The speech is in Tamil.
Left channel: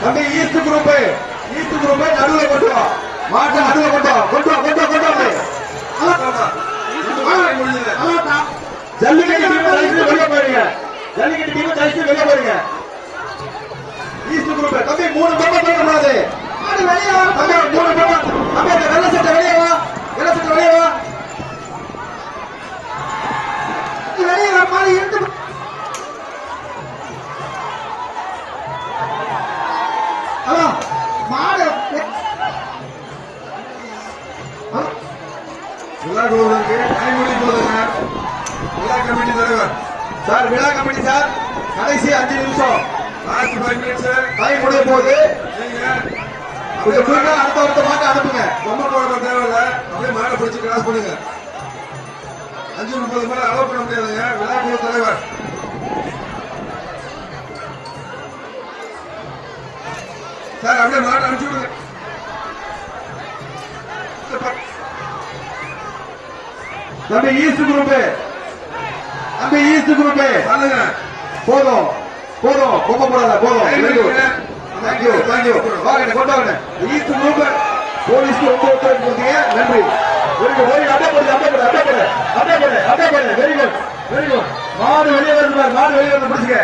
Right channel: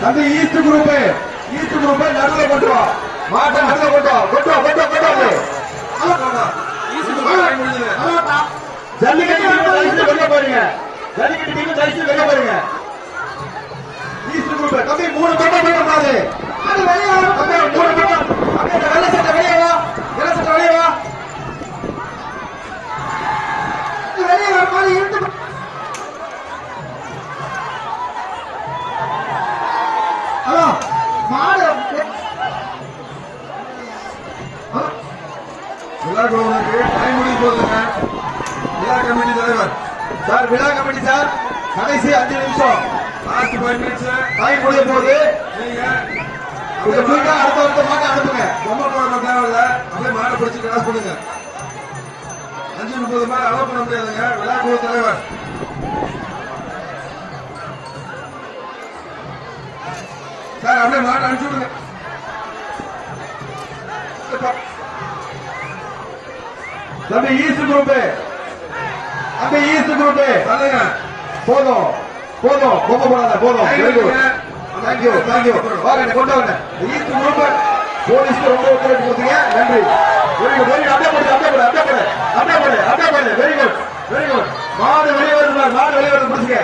தம்பி ஈஸ்ட் குரூப் ஈஸ்ட் குரூப் நடுவில் கொண்டு வா மாட்டை நடுவே கொண்டு வா கொண்டு வா கொண்டு வா கொண்டு வா ஜல்லிக்கட்டு டீம் ஜெயிச்சு வெளியே போறீங்க. ஜல்லிக்கட்டு டீம் ஜெயிச்சு வெளியே போறீங்க. ஈஸ்ட் குரூப் தம்பி மூணு பேரும் வெளியே போறாது அது வெளியே தம்பி மூணு பேரும் தம்பி அந்த வெள்ளை சட்டை வெளியே வா. வெள்ளை சட்டை வெளியே வா. வெளியே வா மாதிரி இருந்து விழா கவுண்டருக்கு டைம் போதுங்க விழா கமிட்டி தலைவர். சார் விழா கமிட்டி சார். கடைசி அஞ்சு நிமிஷம். லாஸ்ட் ஃபைவ் மினிட்ஸ் டைம் முடிய போகுது நீங்க அடுத்த வருஷம் மாட்ட அனுப்புங்க. ரொம்ப போட தேவையில்ல. அப்படியே மாடை பிடிச்சி கிளாஸ் பண்ணுங்க அஞ்சு முப்பது மேல அலோவ் பண்ண முடியாதுங்க. விழா குழு தலைவர். சார் அப்படியே மாடை அனுப்பிச்சு விடுங்க. தம்பி ஈஸ்ட் குரூப் தம்பி ஈஸ்ட் குரூப் போதும். போதும். பொங்க போடாத போதும் குட் தேங்க்யூ தேங்க்யூ வாங்க கொண்டு வாங்க? ஈஸ்ட் குரூப் போலீஸ் ரொம்ப ஒத்துழைப்பு கொடுத்தீங்க. நன்றி. வெரி குட் வெரி அட்டை போடு அட்டை போடு அட்டை போடு. அட்டை போடு அட்டை போடு. வெரி குட் வெரி குட் மாடு வெளியே வருது மாடு வெளியே வருது. பிடிச்சிக்க